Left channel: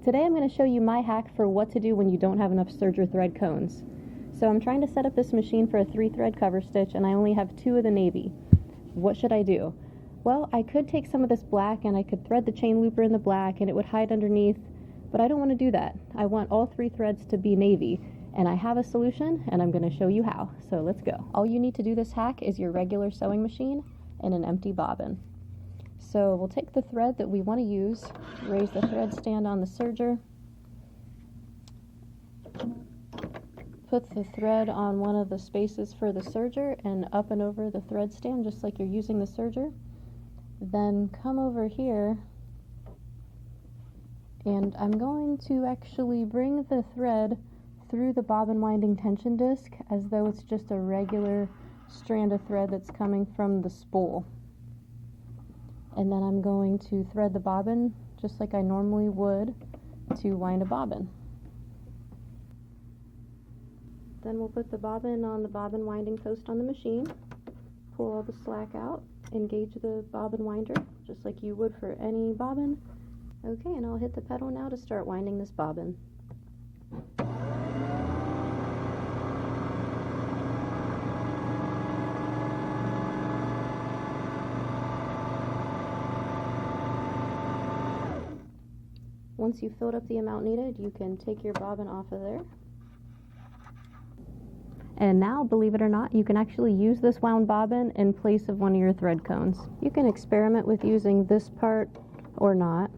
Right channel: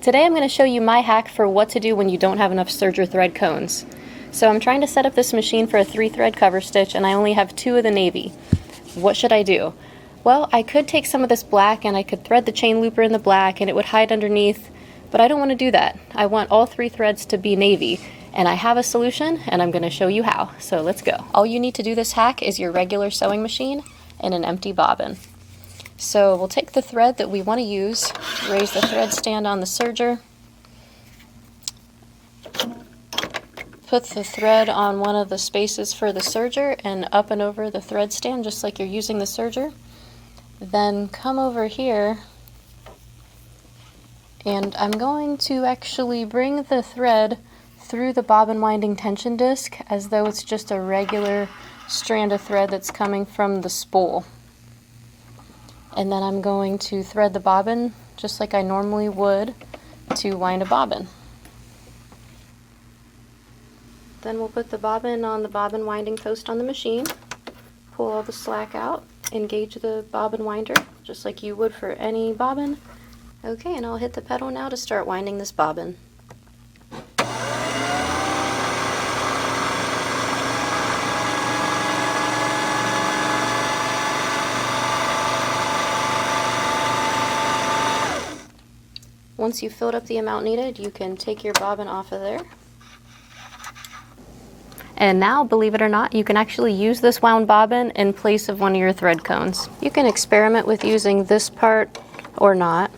Today I'm going to show you my hack for what to do when you don't have enough Serger thread cones. So I'm trying to set up this machine for a 3-thread cover stitch and I only have 2 of the navy. What should I do? Well, I could take some of this black and I could thread the chain looper in the black and it would hide underneath, but I don't want to do that. I want all 3 threads to be navy, and I have a solution and I'm going to show you how. So let's go. All you need to do this hack is your regular sewing machine and an empty bobbin. So we'll take the thread that we want to use, raise the thread stand on the serger, put the thread on one of the spaces for the serger and up and over the thread stand just like you're using the serger. Then come over here and I'm going to actually bring the thread through the bobbin winding tension disc as though it's just a regular strand of thread that's coming from the spool. And then I'm going to thread the bobbin just like I normally would to wind a bobbin. Then we'll put the bobbin on the bobbin winding post on the machine, pull all the slack out, engage the bobbin winder just like you would for any bobbin. Okay, and I'll hit the pedal now to start winding this bobbin. Once you've filled up the amount needed, you can take your bobbin off of there. And now, believe it or not, you can actually use this wound bobbin in place of one of your thread cones. You can experiment with using this part or not,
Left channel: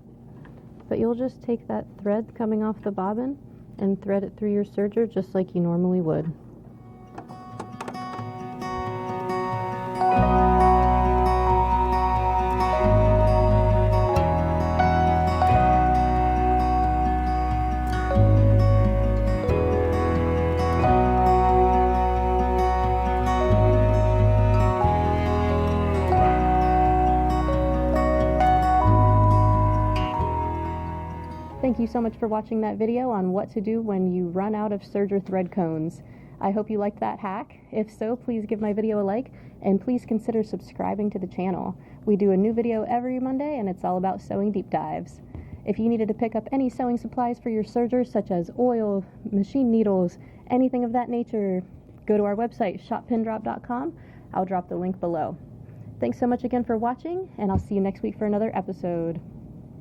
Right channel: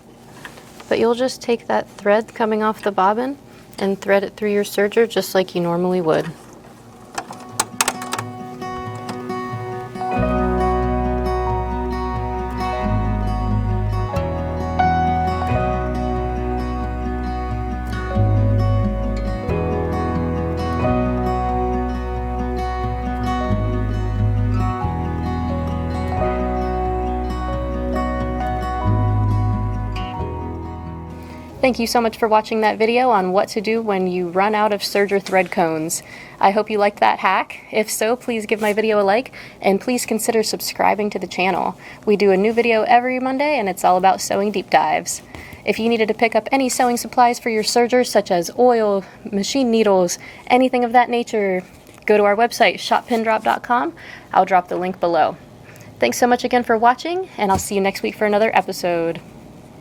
but you'll just take that thread coming off the bobbin and thread it through your serger just like you normally would. Thank you so much for watching that video on what to do when you run out of Serger thread cones. I hope you liked that hack. If so, please give my video a like and please consider subscribing to the channel. We do a new video every Monday and it's all about sewing deep dives. If you needed to pick up any sewing supplies for your sergers such as oil, machine needles, anything of that nature, go to our website shoppindrop.com. I'll drop the link below. Thanks so much again for watching and I'll see you next week for another episode.